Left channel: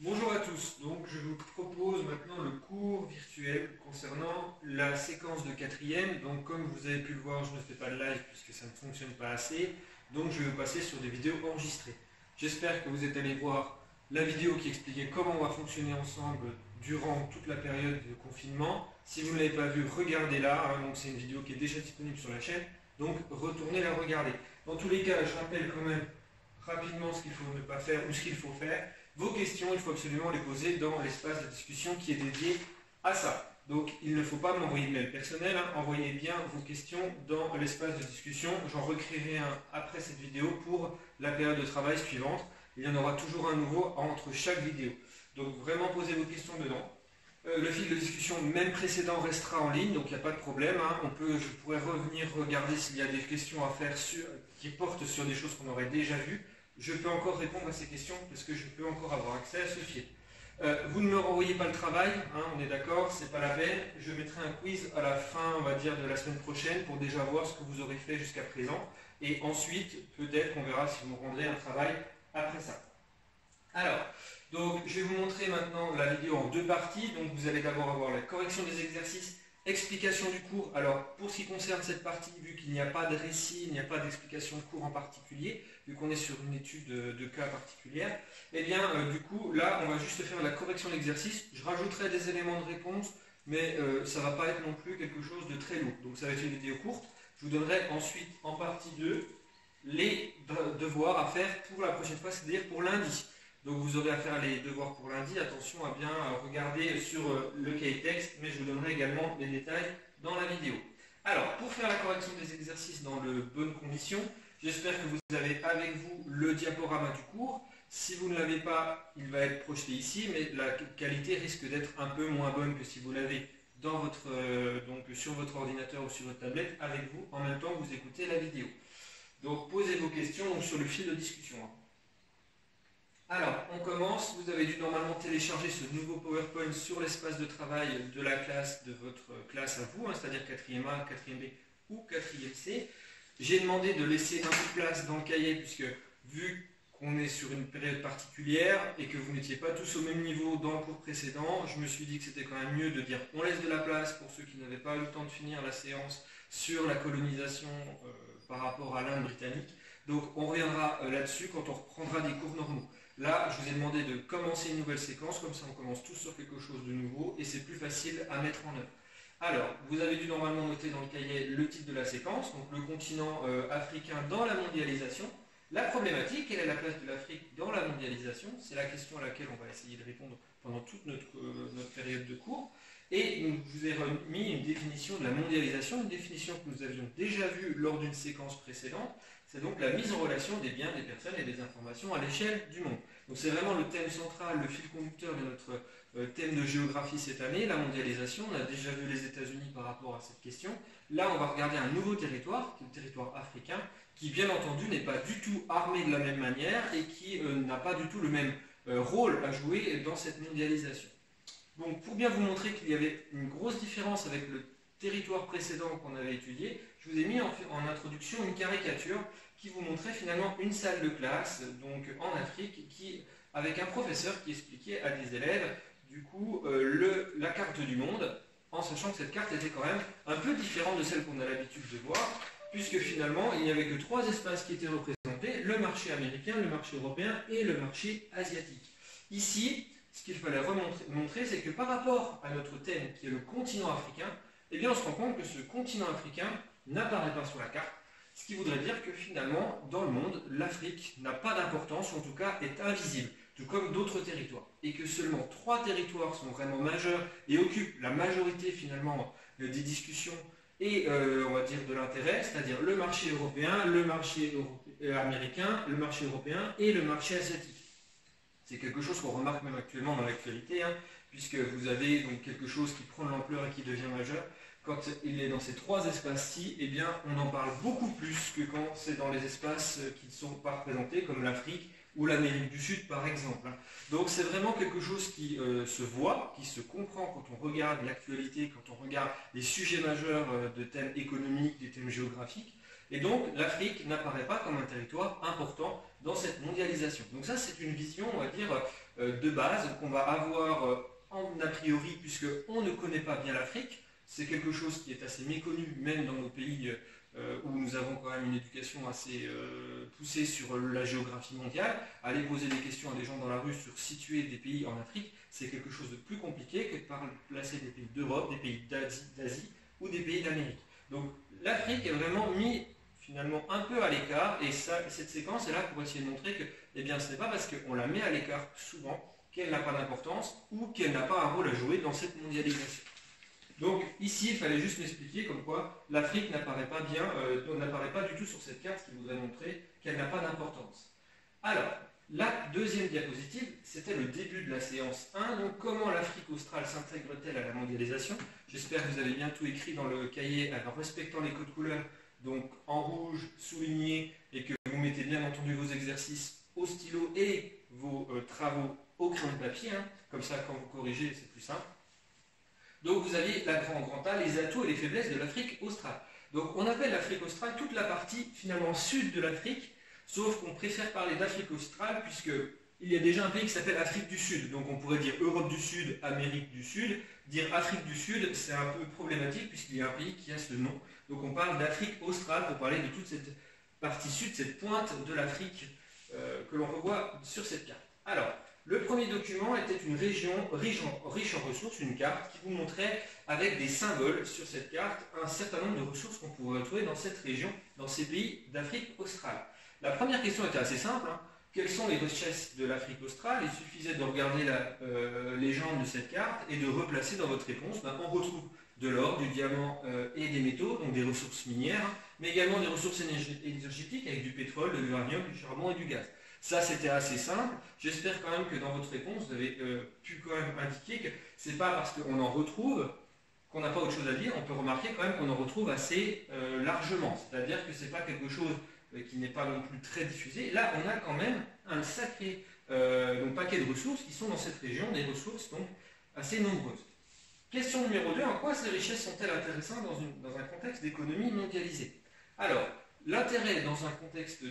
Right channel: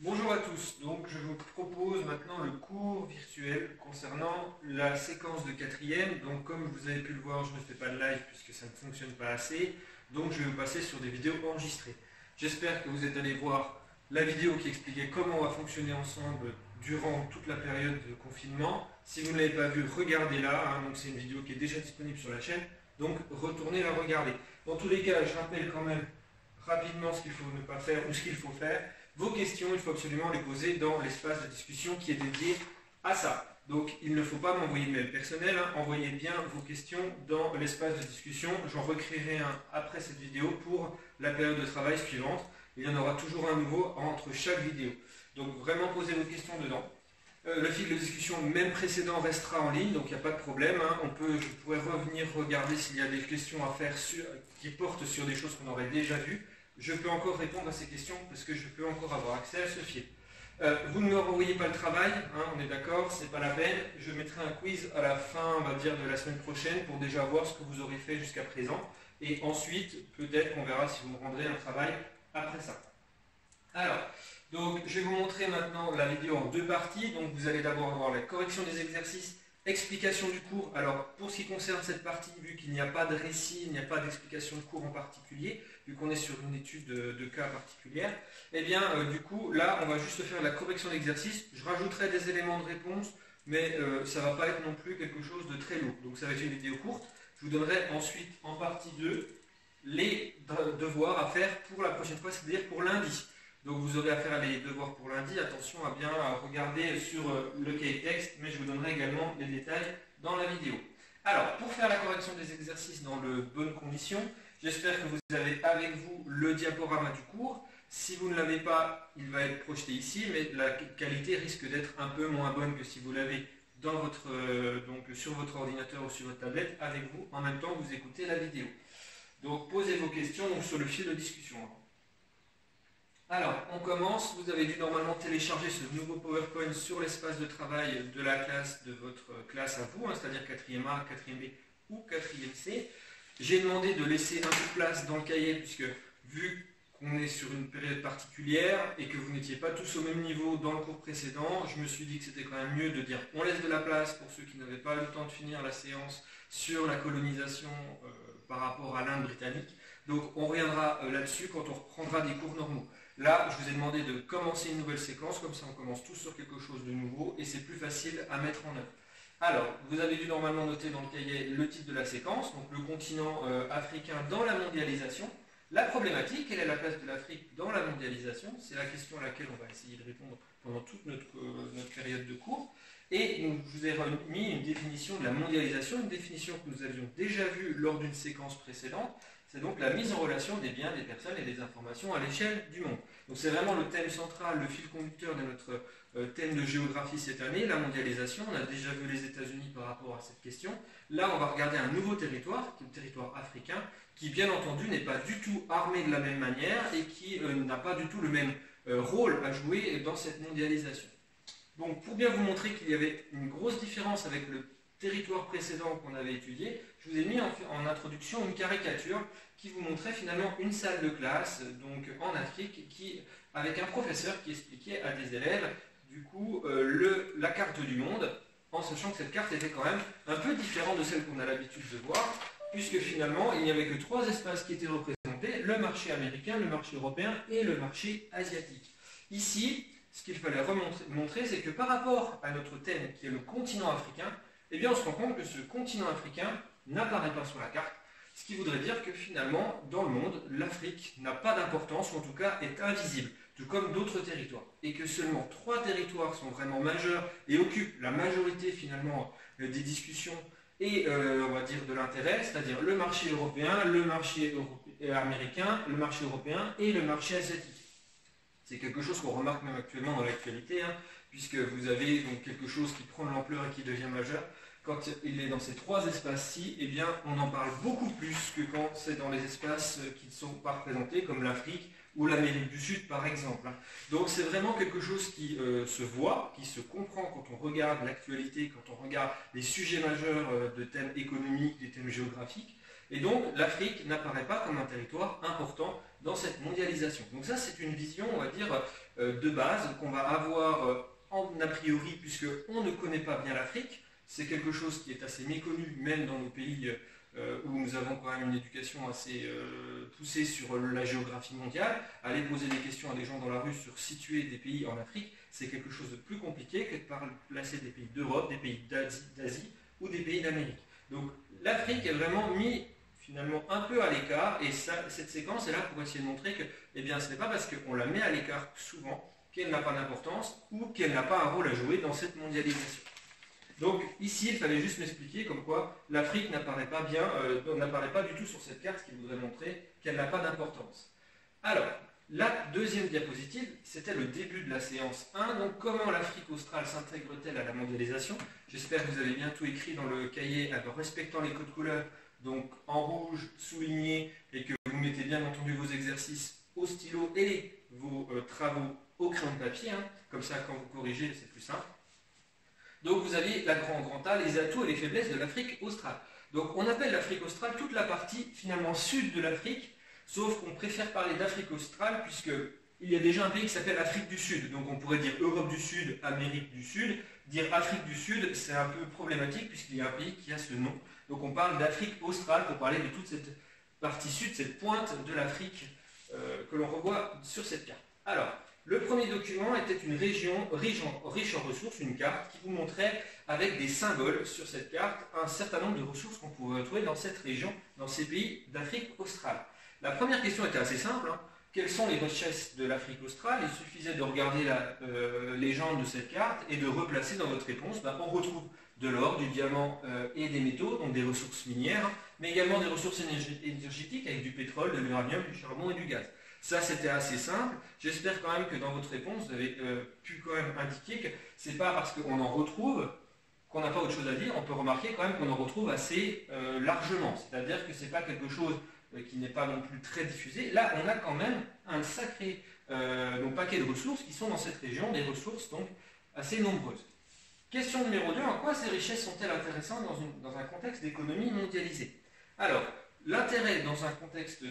Bonjour à tous, donc je vous propose maintenant le cours virtuel concernant la séquence de quatrième. Donc comme vous avez pu le voir, je ne fais pas de live puisque ça ne fonctionne pas assez, donc je vais vous passer sur des vidéos enregistrées. J'espère que vous êtes allés voir la vidéo qui expliquait comment on va fonctionner ensemble durant toute la période de confinement. Si vous ne l'avez pas vue, regardez-la, donc c'est une vidéo qui est déjà disponible sur la chaîne, donc retournez la regarder. Dans tous les cas, je rappelle quand même rapidement ce qu'il faut ne pas faire ou ce qu'il faut faire. Vos questions, il faut absolument les poser dans l'espace de discussion qui est dédié à ça. Donc il ne faut pas m'envoyer de mail personnel, envoyez bien vos questions dans l'espace de discussion. J'en recréerai un après cette vidéo pour la période de travail suivante. Il y en aura toujours un nouveau entre chaque vidéo. Donc vraiment posez vos questions dedans. Le fil de discussion même précédent restera en ligne, donc il n'y a pas de problème. Je pourrais revenir regarder s'il y a des questions à faire qui portent sur des choses qu'on aurait déjà vues. Je peux encore répondre à ces questions parce que je peux encore avoir accès à ce fil. Vous ne me renvoyez pas le travail, on est d'accord, c'est pas la peine. Je mettrai un quiz à la fin, on va dire, de la semaine prochaine pour déjà voir ce que vous aurez fait jusqu'à présent. Et ensuite, peut-être qu'on verra si vous rendrez un travail après ça. Alors, donc, je vais vous montrer maintenant la vidéo en deux parties. Donc, vous allez d'abord avoir la correction des exercices, explication du cours. Alors, pour ce qui concerne cette partie, vu qu'il n'y a pas de récit, il n'y a pas d'explication de cours en particulier, vu qu'on est sur une étude de cas particulière, eh bien, du coup, là, on va juste faire la correction d'exercice. Je rajouterai des éléments de réponse, mais ça ne va pas être non plus quelque chose de très lourd. Donc, ça va être une vidéo courte. Je vous donnerai ensuite, en partie 2, les devoirs à faire pour la prochaine fois, c'est-à-dire pour lundi. Donc vous aurez à faire les devoirs pour lundi. Attention à bien regarder sur le cahier texte, mais je vous donnerai également les détails dans la vidéo. Alors, pour faire la correction des exercices dans de bonnes conditions, j'espère que vous avez avec vous le diaporama du cours. Si vous ne l'avez pas, il va être projeté ici, mais la qualité risque d'être un peu moins bonne que si vous l'avez dans sur votre ordinateur ou sur votre tablette avec vous, en même temps que vous écoutez la vidéo. Donc posez vos questions sur le fil de discussion. Alors, on commence. Vous avez dû normalement télécharger ce nouveau PowerPoint sur l'espace de travail de la classe, de votre classe à vous, c'est-à-dire 4e A, 4e B ou 4e C. J'ai demandé de laisser un peu de place dans le cahier, puisque vu qu'on est sur une période particulière et que vous n'étiez pas tous au même niveau dans le cours précédent, je me suis dit que c'était quand même mieux de dire on laisse de la place pour ceux qui n'avaient pas eu le temps de finir la séance sur la colonisation par rapport à l'Inde britannique. Donc on reviendra là-dessus quand on reprendra des cours normaux. Là, je vous ai demandé de commencer une nouvelle séquence, comme ça on commence tous sur quelque chose de nouveau et c'est plus facile à mettre en œuvre. Alors, vous avez dû normalement noter dans le cahier le titre de la séquence, donc le continent africain dans la mondialisation. La problématique, quelle est la place de l'Afrique dans la mondialisation? C'est la question à laquelle on va essayer de répondre pendant toute notre période de cours. Et je vous ai remis une définition de la mondialisation, une définition que nous avions déjà vue lors d'une séquence précédente. C'est donc la mise en relation des biens, des personnes et des informations à l'échelle du monde. Donc c'est vraiment le thème central, le fil conducteur de notre thème de géographie cette année, la mondialisation. On a déjà vu les États-Unis par rapport à cette question. Là, on va regarder un nouveau territoire, qui est le territoire africain, qui bien entendu n'est pas du tout armé de la même manière et qui n'a pas du tout le même rôle à jouer dans cette mondialisation. Donc pour bien vous montrer qu'il y avait une grosse différence avec le territoire précédent qu'on avait étudié, je vous ai mis en introduction une caricature qui vous montrait finalement une salle de classe donc en Afrique avec un professeur qui expliquait à des élèves du coup la carte du monde, en sachant que cette carte était quand même un peu différente de celle qu'on a l'habitude de voir, puisque finalement il n'y avait que 3 espaces qui étaient représentés, le marché américain, le marché européen et le marché asiatique. Ici, ce qu'il fallait montrer, c'est que par rapport à notre thème qui est le continent africain, eh bien on se rend compte que ce continent africain n'apparaît pas sur la carte, ce qui voudrait dire que finalement, dans le monde, l'Afrique n'a pas d'importance, ou en tout cas est invisible, tout comme d'autres territoires, et que seulement 3 territoires sont vraiment majeurs et occupent la majorité finalement des discussions et on va dire de l'intérêt, c'est-à-dire le marché européen, le marché américain, le marché européen et le marché asiatique. C'est quelque chose qu'on remarque même actuellement dans l'actualité, puisque vous avez donc quelque chose qui prend de l'ampleur et qui devient majeur. Quand il est dans ces 3 espaces-ci, eh bien, on en parle beaucoup plus que quand c'est dans les espaces qui ne sont pas représentés, comme l'Afrique ou l'Amérique du Sud, par exemple. Donc c'est vraiment quelque chose qui se voit, qui se comprend quand on regarde l'actualité, quand on regarde les sujets majeurs de thèmes économiques, des thèmes géographiques. Et donc l'Afrique n'apparaît pas comme un territoire important dans cette mondialisation. Donc ça, c'est une vision, on va dire, de base qu'on va avoir en a priori, puisqu'on ne connaît pas bien l'Afrique. C'est quelque chose qui est assez méconnu, même dans nos pays où nous avons quand même une éducation assez poussée sur la géographie mondiale. Aller poser des questions à des gens dans la rue sur situer des pays en Afrique, c'est quelque chose de plus compliqué que de placer des pays d'Europe, des pays d'Asie ou des pays d'Amérique. Donc l'Afrique est vraiment mise finalement un peu à l'écart, et cette séquence est là pour essayer de montrer que eh bien, ce n'est pas parce qu'on la met à l'écart souvent qu'elle n'a pas d'importance ou qu'elle n'a pas un rôle à jouer dans cette mondialisation. Donc ici, il fallait juste m'expliquer comme quoi l'Afrique n'apparaît pas bien, n'apparaît pas du tout sur cette carte qui vous a montré qu'elle n'a pas d'importance. Alors, la deuxième diapositive, c'était le début de la séance 1. Donc comment l'Afrique australe s'intègre-t-elle à la mondialisation? J'espère que vous avez bien tout écrit dans le cahier en respectant les codes couleurs, donc en rouge souligné, et que vous mettez bien entendu vos exercices au stylo et vos travaux au crayon de papier. Comme ça, quand vous corrigez, c'est plus simple. Donc vous avez la grand A, les atouts et les faiblesses de l'Afrique australe. Donc on appelle l'Afrique australe toute la partie finalement sud de l'Afrique, sauf qu'on préfère parler d'Afrique australe puisqu'il y a déjà un pays qui s'appelle Afrique du Sud. Donc on pourrait dire Europe du Sud, Amérique du Sud. Dire Afrique du Sud, c'est un peu problématique puisqu'il y a un pays qui a ce nom. Donc on parle d'Afrique australe pour parler de toute cette partie sud, cette pointe de l'Afrique que l'on revoit sur cette carte. Alors, le premier document était une région riche en ressources, une carte qui vous montrait avec des symboles sur cette carte un certain nombre de ressources qu'on pouvait retrouver dans cette région, dans ces pays d'Afrique australe. La première question était assez simple. Quelles sont les richesses de l'Afrique australe? Il suffisait de regarder la légende de cette carte et de replacer dans votre réponse. On retrouve de l'or, du diamant et des métaux, donc des ressources minières, mais également des ressources énergétiques avec du pétrole, de l'uranium, du charbon et du gaz. Ça, c'était assez simple. J'espère quand même que dans votre réponse, vous avez pu quand même indiquer que ce n'est pas parce qu'on en retrouve qu'on n'a pas autre chose à dire. On peut remarquer quand même qu'on en retrouve assez largement. C'est-à-dire que ce n'est pas quelque chose qui n'est pas non plus très diffusé. Là, on a quand même un sacré paquet de ressources qui sont dans cette région, des ressources donc assez nombreuses. Question numéro 2, en quoi ces richesses sont-elles intéressantes dans un contexte d'économie mondialisée? Alors, l'intérêt dans un contexte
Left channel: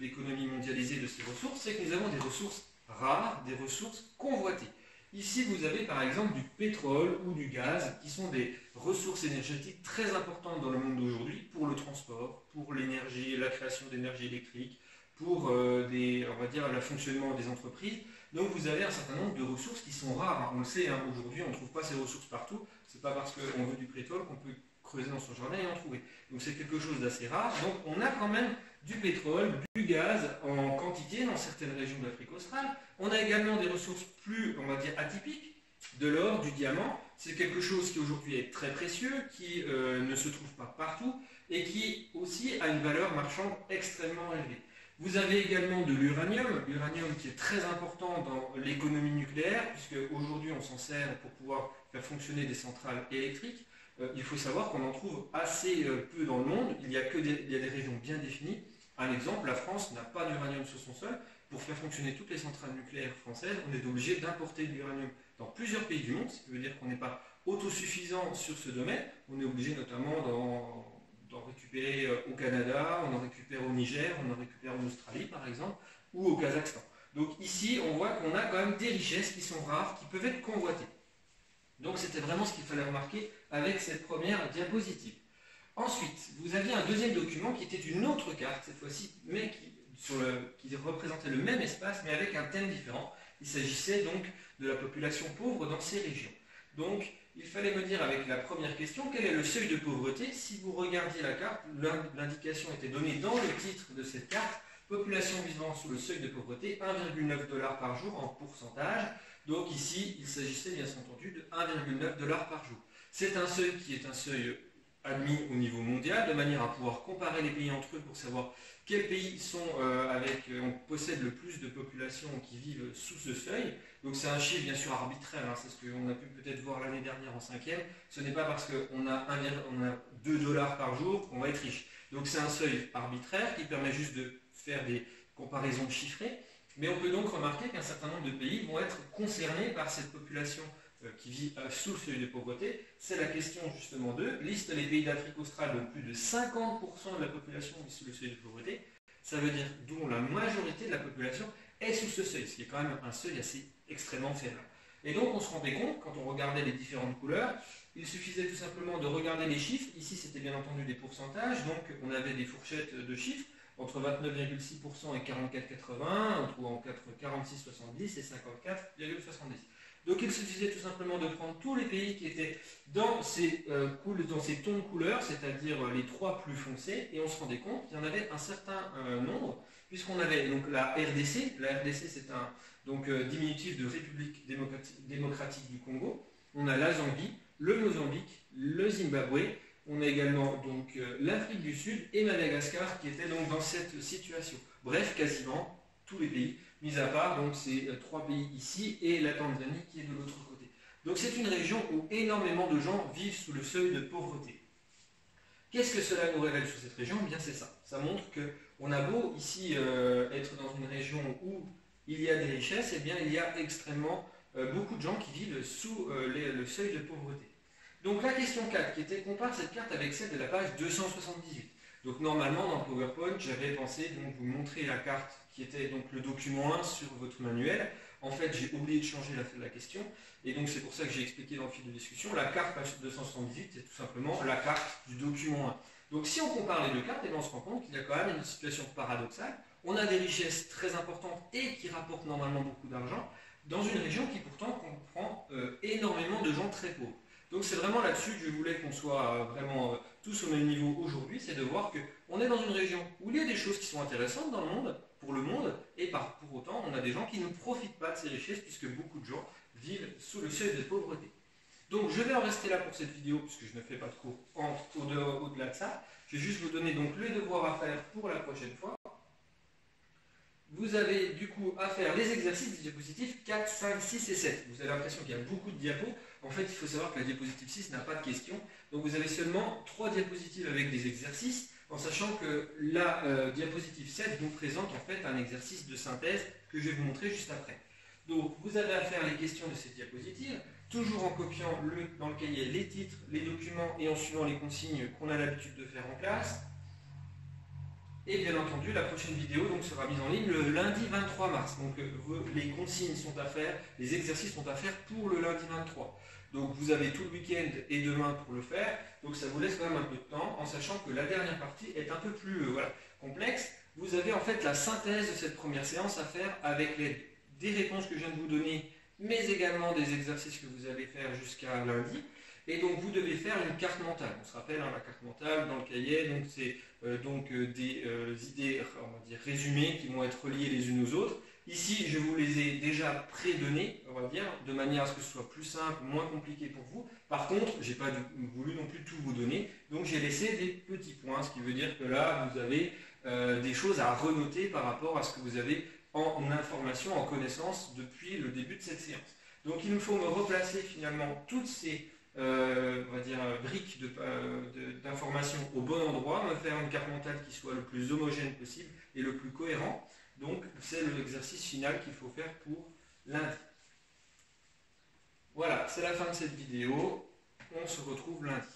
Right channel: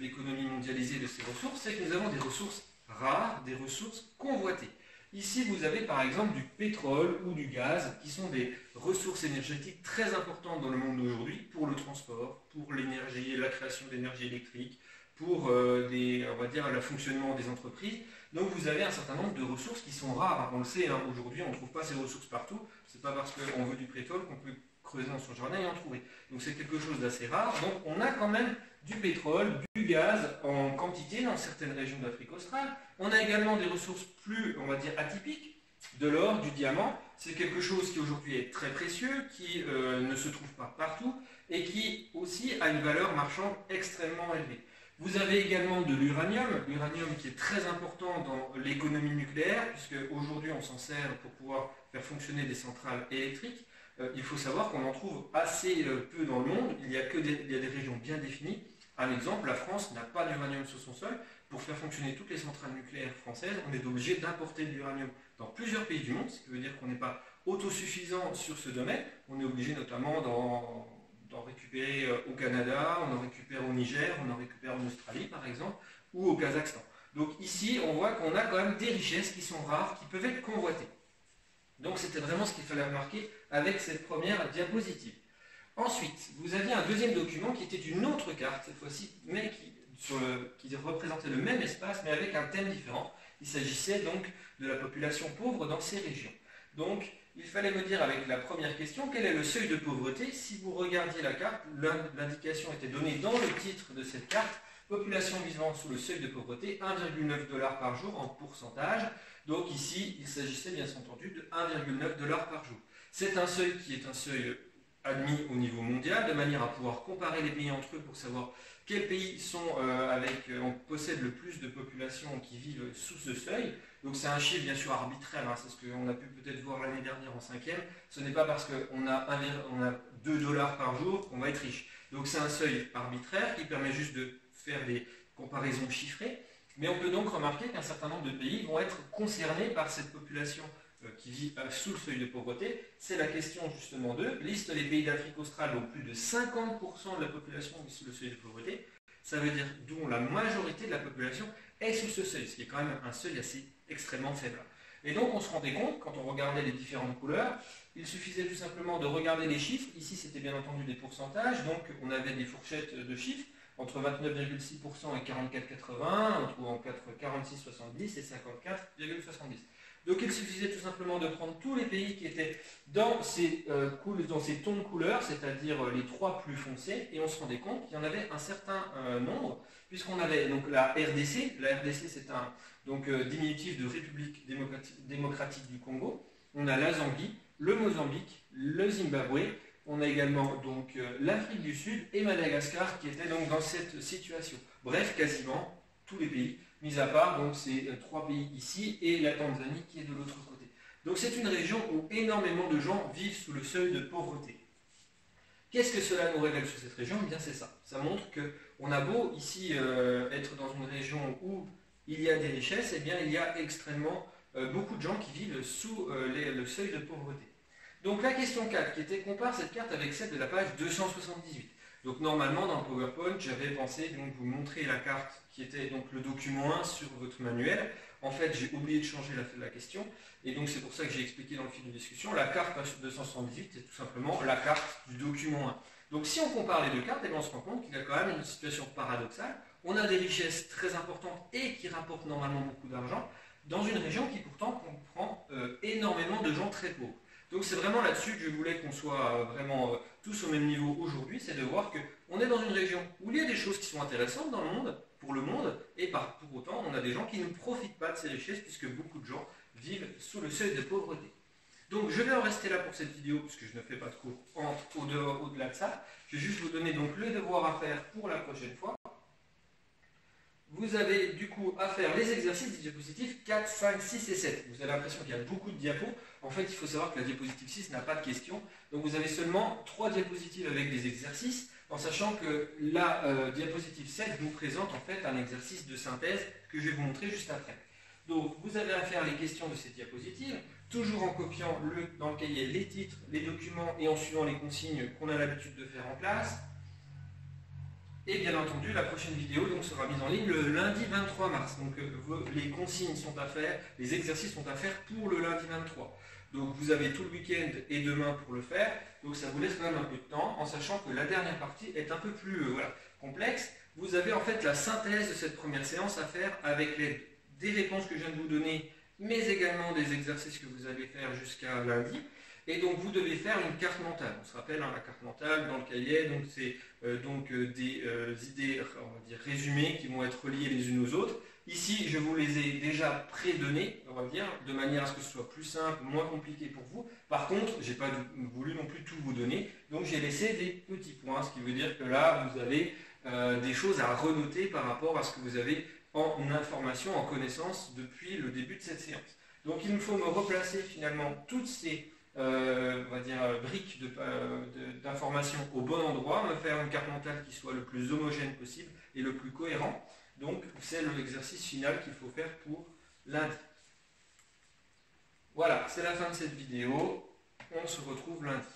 d'économie mondialisée de ces ressources, c'est que nous avons des ressources rares, des ressources convoitées. Ici, vous avez par exemple du pétrole ou du gaz, qui sont des ressources énergétiques très importantes dans le monde d'aujourd'hui pour le transport, pour l'énergie, la création d'énergie électrique, pour on va dire, le fonctionnement des entreprises. Donc vous avez un certain nombre de ressources qui sont rares. On le sait, aujourd'hui on ne trouve pas ces ressources partout. Ce n'est pas parce qu'on veut du pétrole qu'on peut creuser dans son jardin et en trouver. Donc c'est quelque chose d'assez rare. Donc on a quand même du pétrole, du gaz en quantité dans certaines régions d'Afrique australe. On a également des ressources plus, on va dire, atypiques, de l'or, du diamant. C'est quelque chose qui aujourd'hui est très précieux, qui ne se trouve pas partout et qui aussi a une valeur marchande extrêmement élevée. Vous avez également de l'uranium qui est très important dans l'économie nucléaire, puisque aujourd'hui on s'en sert pour pouvoir faire fonctionner des centrales électriques. Il faut savoir qu'on en trouve assez peu dans le monde, il y a des régions bien définies. Un exemple, la France n'a pas d'uranium sur son sol. Pour faire fonctionner toutes les centrales nucléaires françaises, on est obligé d'importer de l'uranium dans plusieurs pays du monde, ce qui veut dire qu'on n'est pas autosuffisant sur ce domaine. On est obligé notamment d'en récupérer au Canada, on en récupère au Niger, on en récupère en Australie par exemple, ou au Kazakhstan. Donc ici, on voit qu'on a quand même des richesses qui sont rares, qui peuvent être convoitées. Donc c'était vraiment ce qu'il fallait remarquer avec cette première diapositive. Ensuite, vous aviez un deuxième document qui était une autre carte, cette fois-ci, mais qui représentait le même espace, mais avec un thème différent. Il s'agissait donc de la population pauvre dans ces régions. Donc, il fallait me dire avec la première question, quel est le seuil de pauvreté? Si vous regardiez la carte, l'indication était donnée dans le titre de cette carte, population vivant sous le seuil de pauvreté, 1,9 $ par jour en pourcentage. Donc ici, il s'agissait bien entendu de 1,9 $ par jour. C'est un seuil qui est un seuil admis au niveau mondial, de manière à pouvoir comparer les pays entre eux pour savoir quels pays on possède le plus de populations qui vivent sous ce seuil. Donc c'est un chiffre bien sûr arbitraire, c'est ce qu'on a pu peut-être voir l'année dernière en 5e. Ce n'est pas parce qu'on a 2 $ par jour qu'on va être riche. Donc c'est un seuil arbitraire qui permet juste de faire des comparaisons chiffrées. Mais on peut donc remarquer qu'un certain nombre de pays vont être concernés par cette population qui vit sous le seuil de pauvreté. C'est la question justement 2. Liste les pays d'Afrique australe, donc plus de 50% de la population vit sous le seuil de pauvreté. ça veut dire dont la majorité de la population est sous ce seuil, ce qui est quand même un seuil assez extrêmement faible. Et donc on se rendait compte, quand on regardait les différentes couleurs, il suffisait tout simplement de regarder les chiffres. Ici c'était bien entendu des pourcentages, donc on avait des fourchettes de chiffres entre 29,6% et 44,80, on trouve entre 46,70 et 54,70. Donc il suffisait tout simplement de prendre tous les pays qui étaient dans ces tons de couleurs, c'est-à-dire les trois plus foncés, et on se rendait compte qu'il y en avait un certain nombre, puisqu'on avait donc la RDC. La RDC c'est un diminutif de République démocratique du Congo. On a la Zambie, le Mozambique, le Zimbabwe. On a également donc l'Afrique du Sud et Madagascar qui étaient donc dans cette situation. Bref, quasiment tous les pays, mis à part donc ces trois pays ici et la Tanzanie qui est de l'autre côté. Donc c'est une région où énormément de gens vivent sous le seuil de pauvreté. Qu'est-ce que cela nous révèle sur cette région? Eh bien c'est ça. Ça montre qu'on a beau ici être dans une région où il y a des richesses, eh bien il y a extrêmement beaucoup de gens qui vivent sous le seuil de pauvreté. Donc la question 4 qui était compare cette carte avec celle de la page 278. Donc normalement dans le PowerPoint j'avais pensé donc vous montrer la carte qui était donc le document 1 sur votre manuel. En fait j'ai oublié de changer la question et donc c'est pour ça que j'ai expliqué dans le fil de discussion. La carte page 278 c'est tout simplement la carte du document 1. Donc si on compare les deux cartes, eh bien, on se rend compte qu'il y a quand même une situation paradoxale. On a des richesses très importantes et qui rapportent normalement beaucoup d'argent dans une région qui pourtant comprend énormément de gens très pauvres. Donc c'est vraiment là-dessus que je voulais qu'on soit vraiment tous au même niveau aujourd'hui, c'est de voir qu'on est dans une région où il y a des choses qui sont intéressantes dans le monde, pour le monde, et pour autant on a des gens qui ne profitent pas de ces richesses puisque beaucoup de gens vivent sous le seuil de pauvreté. Donc je vais en rester là pour cette vidéo puisque je ne fais pas de cours au-delà de ça. Je vais juste vous donner donc les devoirs à faire pour la prochaine fois. Vous avez du coup à faire les exercices des diapositives 4, 5, 6 et 7. Vous avez l'impression qu'il y a beaucoup de diapos. En fait, il faut savoir que la diapositive 6 n'a pas de questions. Donc vous avez seulement 3 diapositives avec des exercices, en sachant que la diapositive 7 vous présente en fait un exercice de synthèse que je vais vous montrer juste après. Donc vous avez à faire les questions de ces diapositives, toujours en copiant dans le cahier les titres, les documents et en suivant les consignes qu'on a l'habitude de faire en classe. Et bien entendu, la prochaine vidéo donc, sera mise en ligne le lundi 23 mars. Donc les consignes sont à faire, les exercices sont à faire pour le lundi 23. Donc vous avez tout le week-end et demain pour le faire. Donc ça vous laisse quand même un peu de temps, en sachant que la dernière partie est un peu plus complexe. Vous avez en fait la synthèse de cette première séance à faire avec l'aide des réponses que je viens de vous donner, mais également des exercices que vous allez faire jusqu'à lundi. Et donc vous devez faire une carte mentale. On se rappelle, la carte mentale dans le cahier, donc c'est des idées, on va dire, résumées qui vont être reliées les unes aux autres. Ici, je vous les ai déjà pré-données, on va dire, de manière à ce que ce soit plus simple, moins compliqué pour vous. Par contre, je n'ai pas voulu non plus tout vous donner, donc j'ai laissé des petits points, ce qui veut dire que là, vous avez des choses à renoter par rapport à ce que vous avez en information, en connaissance depuis le début de cette séance. Donc il me faut me replacer finalement toutes ces on va dire, briques d'informations au bon endroit, me faire une carte mentale qui soit le plus homogène possible et le plus cohérent. Donc c'est l'exercice final qu'il faut faire pour lundi. Voilà, c'est la fin de cette vidéo. On se retrouve lundi.